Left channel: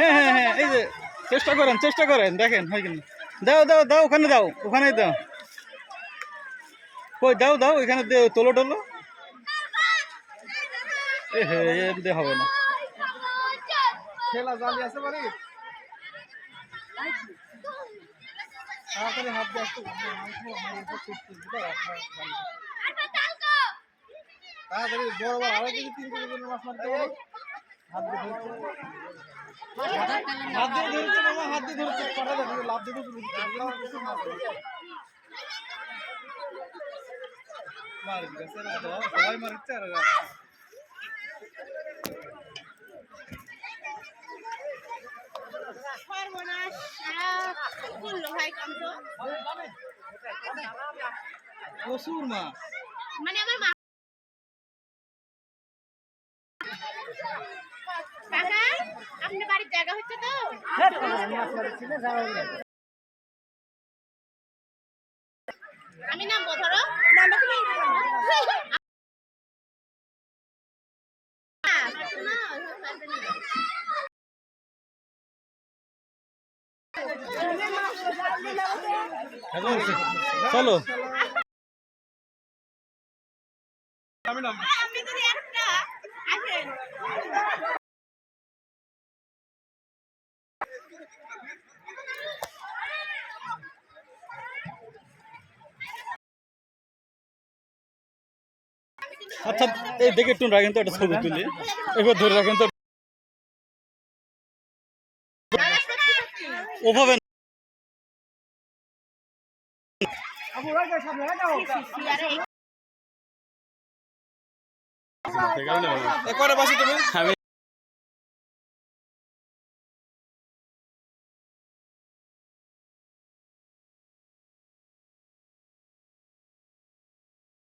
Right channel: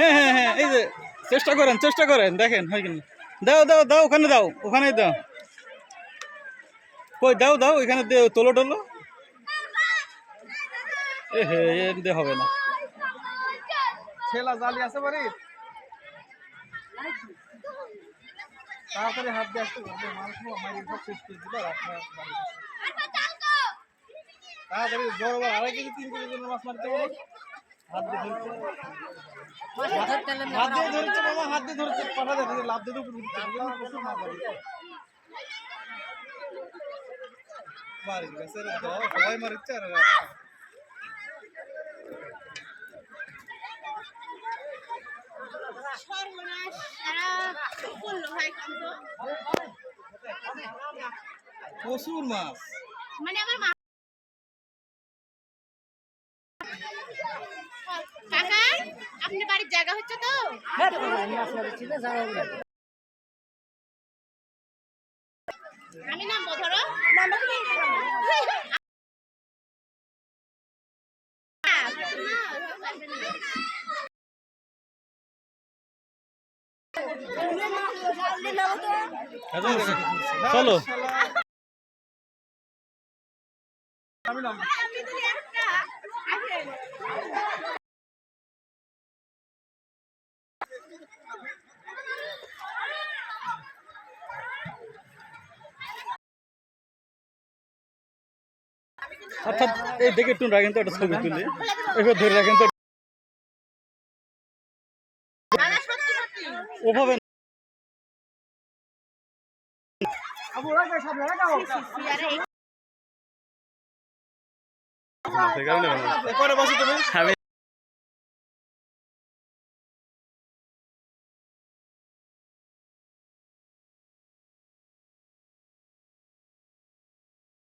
হ্যাঁ হ্যাঁ হ্যাঁ, এই যে চেষ্টা করেন দেখেন হয় কিনা। দাও দাও দাও, ওখানে দাও, ওখানে দাও, কই দাও দাও, এখানে তোলো টোলো। এ হে, এমনি হবে না। ঠেলা জালি আছে বাড়ি, তাড়াতাড়ি হাত দিয়ে আসতে মাংস মারি সব শেষ করে দিল আপনার বাড়ি। তাড়াতাড়ি বড় বড় 2.5 কেজি 3 কেজি করে মাছ মারতে পারো। হাত দিয়ে ধরছে, হাত দিয়ে ধরছে মামা, হাত দিয়ে ধরছে, পাটা দেখো লাভ দিয়ে উপরে দিচ্ছে মারি গেছে রে, সবাই মারিচ্ছে আর সর্বনাশ কি করলো ভাই কাম তো। প্রচুর মাছ। মানে আমার মা কাকা আপনি বাড়ির জায়গা হচ্ছে তো আমি নামবো ধরো নামবো কি না পারবে না চলো আমি নাম আপনি যদি একটা আসেন আচ্ছা, এই দেখে একটু রাখেন তো, একটা ছবি তুলি এবার ধরে রাখেন তো ওভাবে। করে বসে তুমি। আমি